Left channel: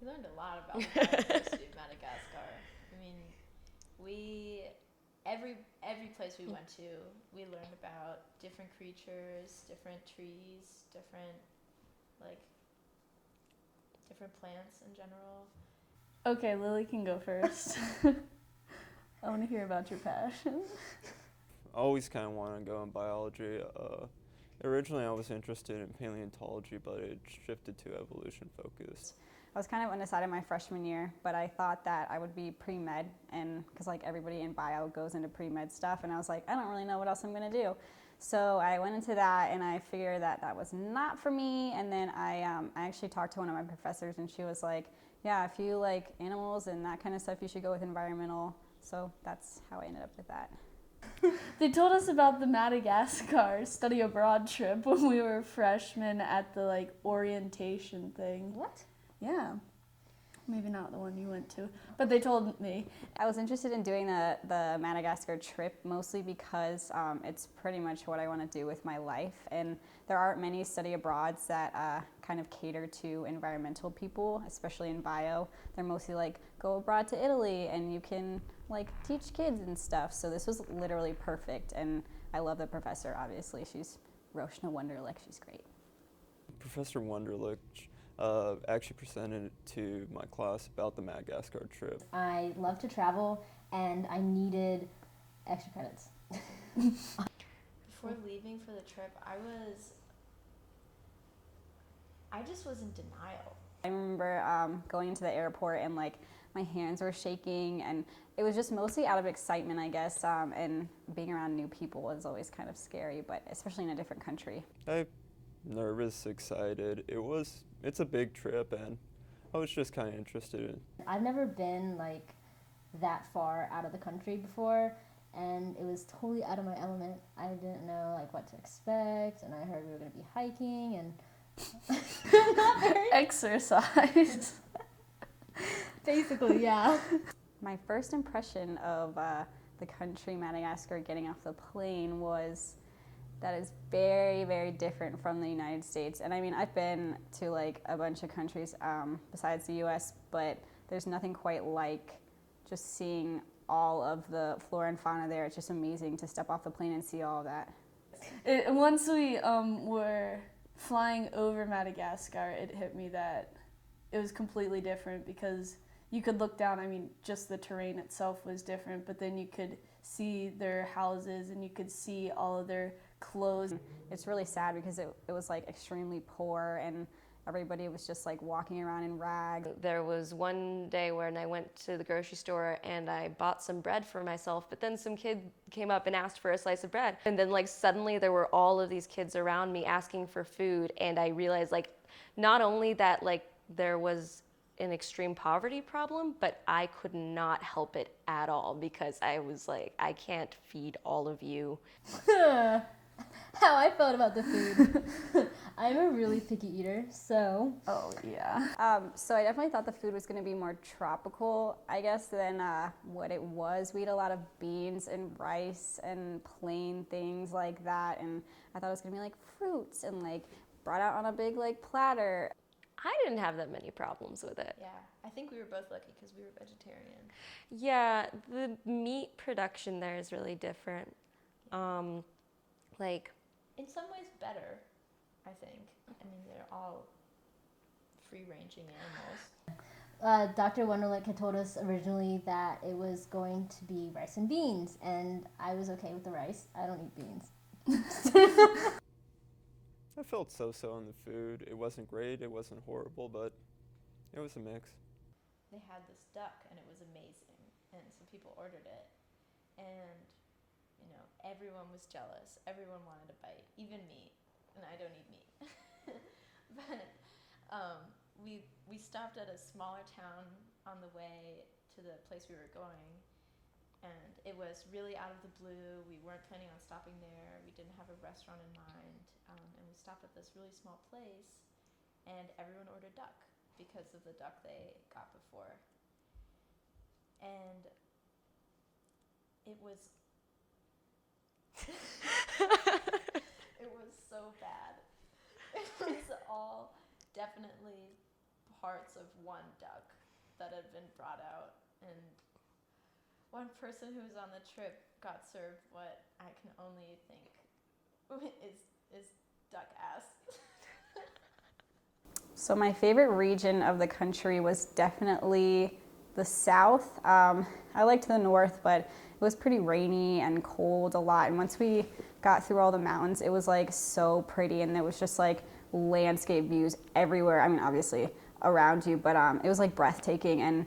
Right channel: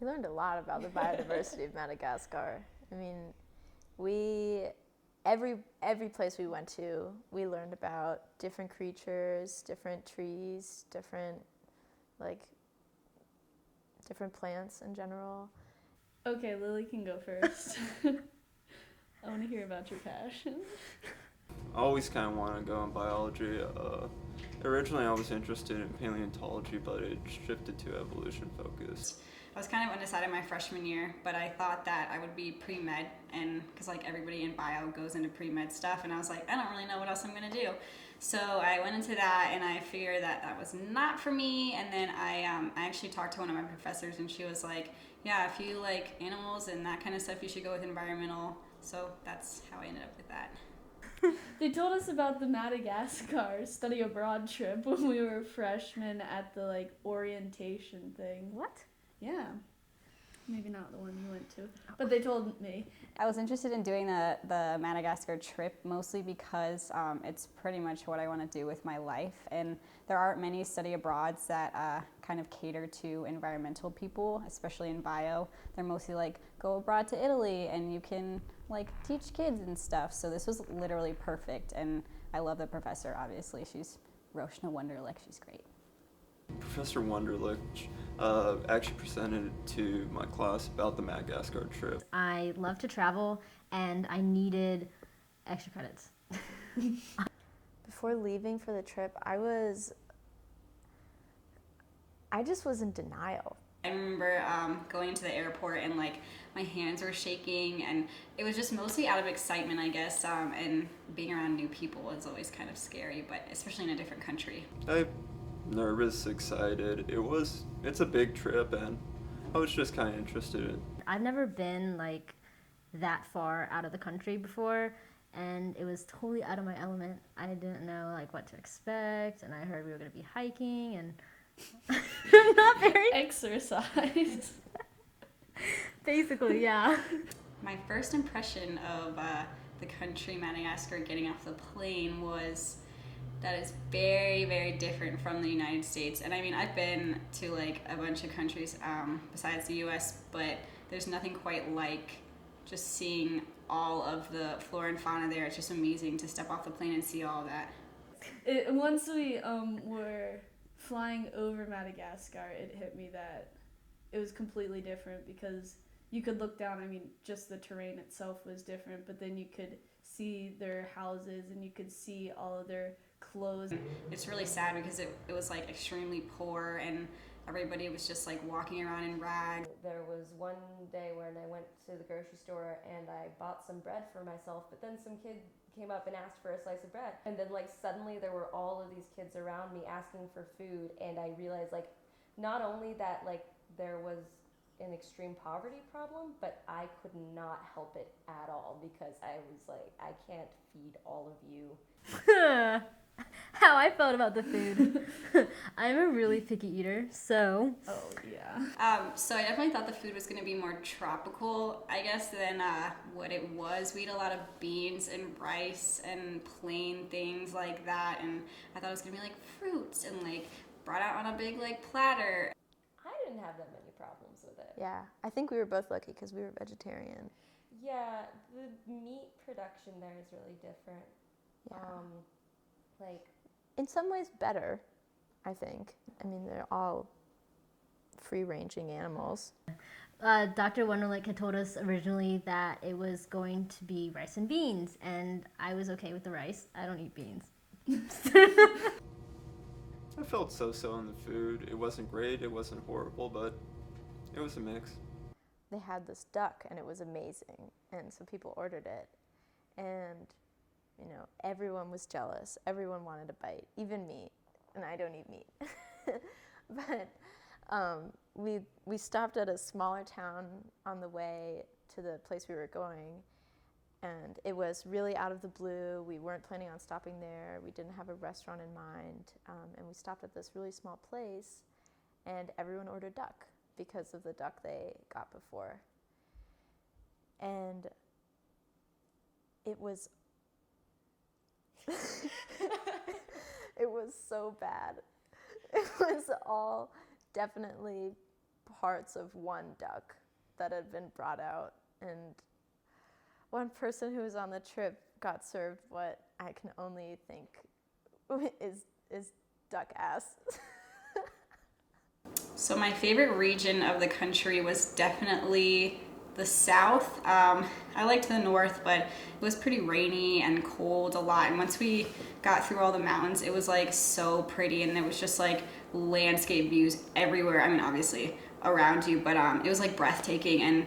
We learned a lot about the biodiversity of Madagascar. I mean, we every place we went to, we learned about different creatures, different trees, like different plants in general. Okay, Lily can go first. I want to hear about your passion. I always kind of want to go in biology. Originally, I was interested in paleontology, but it shifted to evolution focus. I was kind of undecided my freshman year, but I thought that I would be pre-med, and because like everybody in bio goes into pre-med stuff, and I was like, I don't really know what else I'm gonna do. So I went into that, and I figured that that was not for me. And then I actually talked to one of my professors, and she was like, yeah, if you like animals and that kind of stuff, you should go with environmental. So that's how I ended up with that. They told us about the Madagascar study abroad trip when we were freshmen at the like orientation thing. What? Yeah. Maybe not the one you went to, but they told me. I was interested in doing the Madagascar trip mostly because it's pretty much what I want to do with my life. And there aren't many study abroads that kind of cater to environmental people, especially in bio. They're mostly like, go abroad to Italy and you can like teach kids and stuff. So this was literally perfect. And I love the professor, obviously. She's Roshna Wunderlich. She's great. Professor Wunderlich actually presented to my class about the Madagascar trip. I love to travel and I needed extra credits. Before leaving for the trip, I just was in denial. I remember going into the airport and like my hands were shaking, and it was just mostly out of excitement, I guess, and being around new people is always kind of scary, but especially in a different country. I'm nervous, excited. It's a big trip, and I was just kind of interested in. I've never been like that far out of the country before, and it was totally out of my element. I didn't know like what to expect, and I heard we were going to be hiking and not very Exercise. basically, yeah. My first impression of the country Madagascar getting off the plane was that it's very, very different from the United States. And I mean, I've been to like a bunch of countries besides the US, but there's nothing quite like just seeing all of the flora and fauna there. It's just amazing to step off the plane and see all of that. Once we were flying over Madagascar, it hit me that it was completely different because you could look down, I mean, just the terrain itself was different, but then you could see their houses and you could see all of their clothes. It's really sad because it was like extremely poor, and everybody was just like walking around in rags. There was one day when I went to the grocery store and I bought some bread for myself, but then some kid came up and asked for a slice of bread. And then like suddenly there were all of these kids around me asking for food, and I realized like not only that like there was an extreme poverty problem, but I could not help it at all because I was like, I can't feed all of you. How I felt about the food. I'm a really picky eater, so. Oh, yeah. So I definitely thought the food was going to be more tropical, I guess, than what it was. We ate a lot of beans and rice and plain things like that, and I thought it was going to be like fruits and like brought out on a big like platter. I didn't have that many problems with it. Yeah, I think we were both lucky because we were vegetarian. Yeah, the meat production there is really different. Like, in some ways better, I think. I mean, they're all free-ranging animals. Dr. Wunderlich had told us originally that it was going to be rice and beans, and I was okay with the rice. I don't eat beans. I felt so-so on the food. It wasn't great, it wasn't horrible, but it was a mix. They had this duck, and it was amazing, and so people ordered it, and you know, everyone was jealous. Everyone wanted a bite, even me, and I don't eat meat. But we stopped at a smaller town on the way to the place we were going, and it was really out of the blue. We weren't planning on stopping there. We didn't have a restaurant in mind, and we stopped at this really small place, and everyone ordered duck because of the duck they got before. And it was it was so bad. It was all definitely parts of one duck that had been brought out, and one person who was on the trip got served what I can only think is duck ass. So my favorite region of the country was definitely the south. I liked the north, but it was pretty rainy and cold a lot. And once we got through all the mountains, it was like so pretty, and there was just like landscape views everywhere. I mean, obviously around you, but it was like breathtaking, and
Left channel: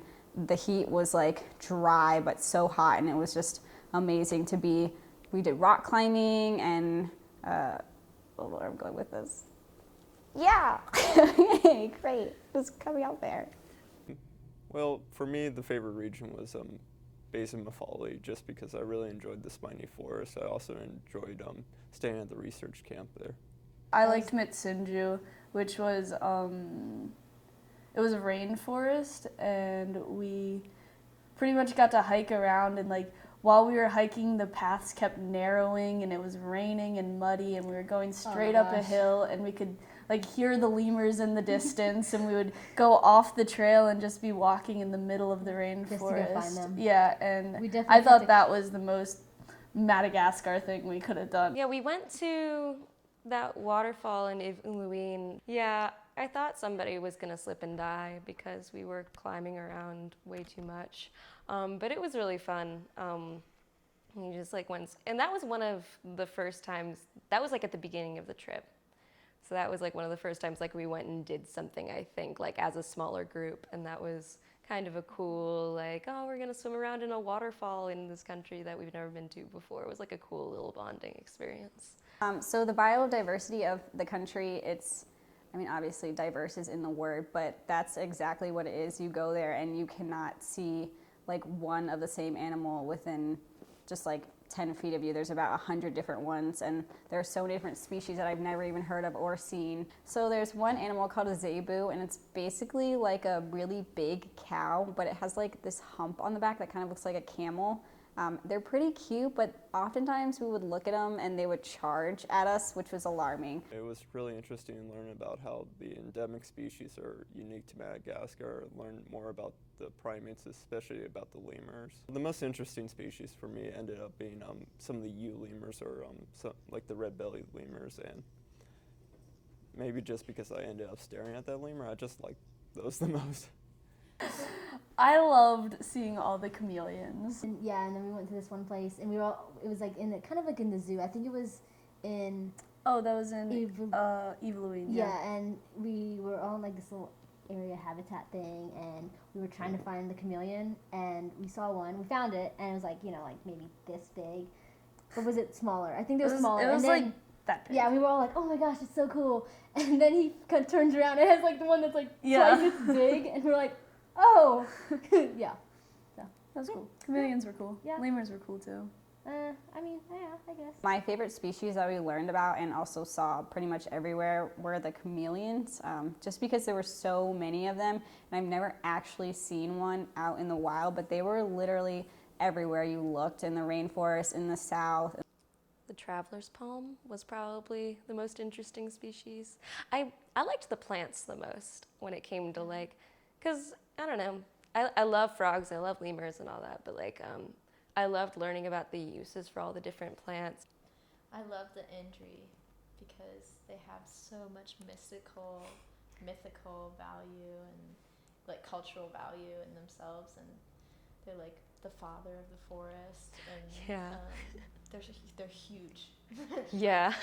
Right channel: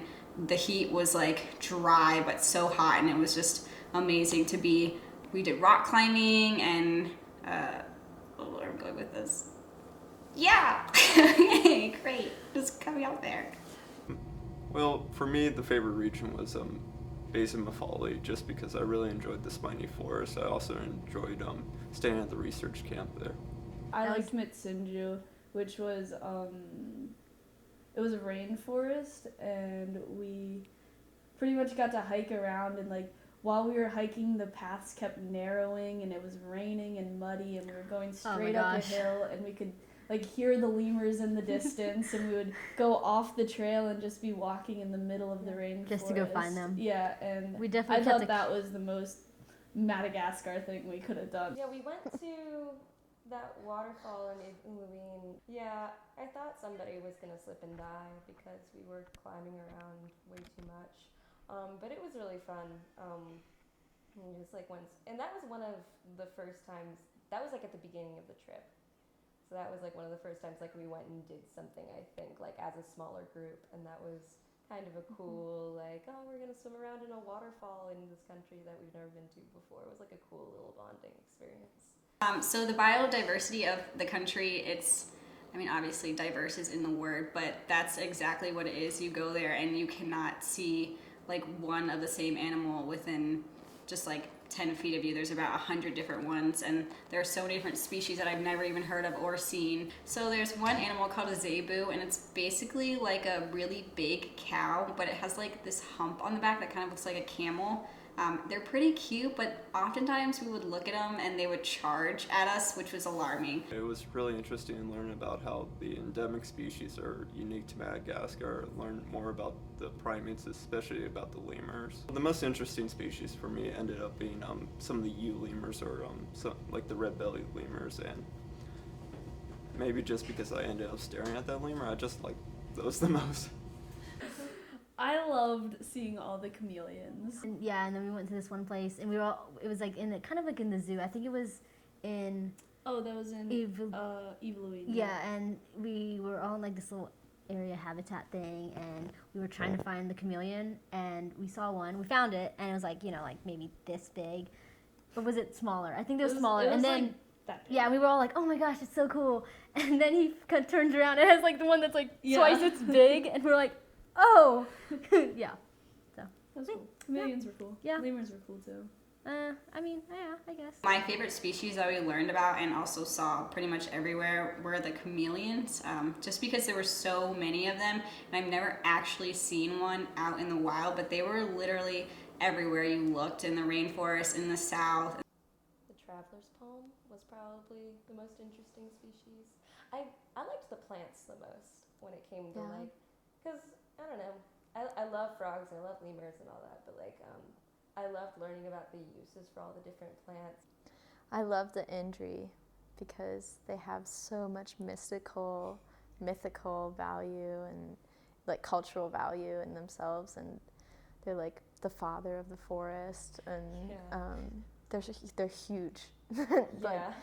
the heat was like dry but so hot, and it was just amazing to be. We did rock climbing and where I'm going with this. Yeah. Okay, great. Just coming out there. Well, for me, the favorite region was Basin Mafali, just because I really enjoyed the spiny forest. I also enjoyed staying at the research camp there. I liked Mitsunju, which was it was a rainforest, and we pretty much got to hike around, and like while we were hiking, the paths kept narrowing, and it was raining and muddy, and we were going straight up a hill, and we could like hear the lemurs in the distance, and we would go off the trail and just be walking in the middle of the rainforest. Just to go find them. Yeah, and We definitely I thought that was the most Madagascar thing we could have done. Yeah, we went to that waterfall in Iluin. Yeah, I thought somebody was gonna slip and die because we were climbing around way too much. But it was really fun. You just like went, and that was one of the first times, that was like at the beginning of the trip. So that was like one of the first times like we went and did something, I think, like as a smaller group, and that was kind of a cool, like, oh, we're gonna swim around in a waterfall in this country that we've never been to before. It was like a cool little bonding experience. So the biodiversity of the country, I mean, obviously diverse is in the word, but that's exactly what it is. You go there and you cannot see like one of the same animal within just like 10 feet of you. There's about 100 different ones, and there are so many different species that I've never even heard of or seen. So there's one animal called a zebu, and it's basically like a really big cow, but it has like this hump on the back that kind of looks like a camel. They're pretty cute, but oftentimes we would look at them and they would charge at us, which was alarming. It was really interesting to learn about how the endemic species are unique to Madagascar, learn more about the primates, especially about the lemurs. The most interesting species for me ended up being some of the ewe lemurs, or like the red-bellied lemurs, and maybe just because I ended up staring at that lemur, I just like those the most. I loved seeing all the chameleons. And and then we went to this one place, and it was like kind of like in the zoo. I think it was in Oh, that was in Evelyn. Yeah, and we were all in like this little area habitat thing, and we were trying to find the chameleon, and we saw one. We found it, and it was like, like maybe this big. Or was it smaller? I think it was smaller. It was and then, like that big. Yeah, we were all like, oh my gosh, it's so cool. And then he kind of turns around and has like the one that's like twice its big, and we're like, oh. Yeah. So That was cool. Chameleons were cool. Yeah. Lemurs were cool too. I mean, yeah, I guess. My favorite species that we learned about and also saw pretty much everywhere were the chameleons, just because there were so many of them, and I've never actually seen one out in the wild, but they were literally everywhere you looked, in the rainforest, in the south. The traveler's palm was probably the most interesting species. I liked the plants the most when it came to because I don't know, I love frogs, I love lemurs and all that, but like I loved learning about the uses for all the different plants. I love the Indri because they have so much mythical value and like cultural value in themselves, and they're like the father of the forest, and they're huge. Yeah.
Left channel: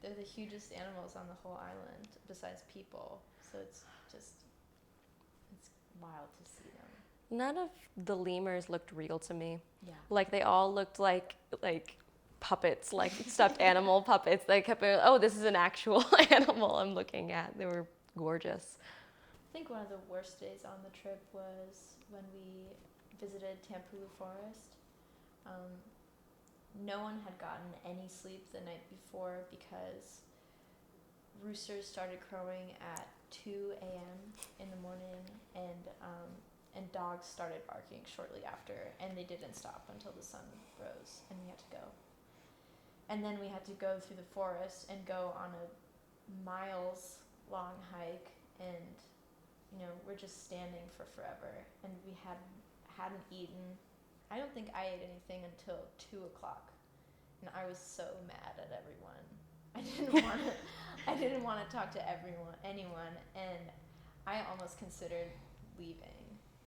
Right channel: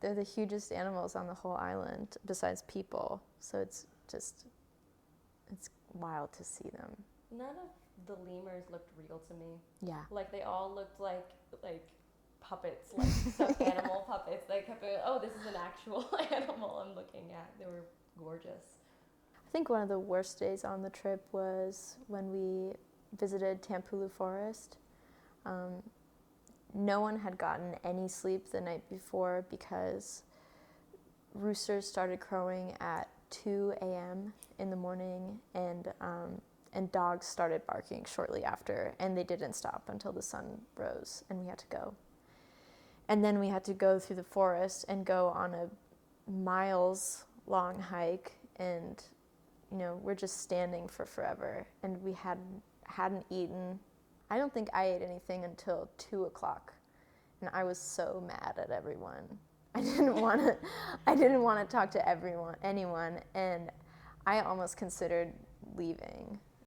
They're the hugest animals on the whole island besides people, so it's wild to see them. None of the lemurs looked real to me. Yeah. Like they all looked like puppets, like stuffed animal puppets. They kept being, oh, this is an actual animal I'm looking at. They were gorgeous. I think one of the worst days on the trip was when we visited Tampulu Forest. No one had gotten any sleep the night before because roosters started crowing at 2 a.m. in the morning, and dogs started barking shortly after, and they didn't stop until the sun rose, and we had to go. And then we had to go through the forest and go on a miles-long hike, and you know, we're just standing for forever, and we hadn't eaten. I don't think I ate anything until 2 o'clock, and I was so mad at everyone. I didn't want to talk to anyone, and I almost considered leaving.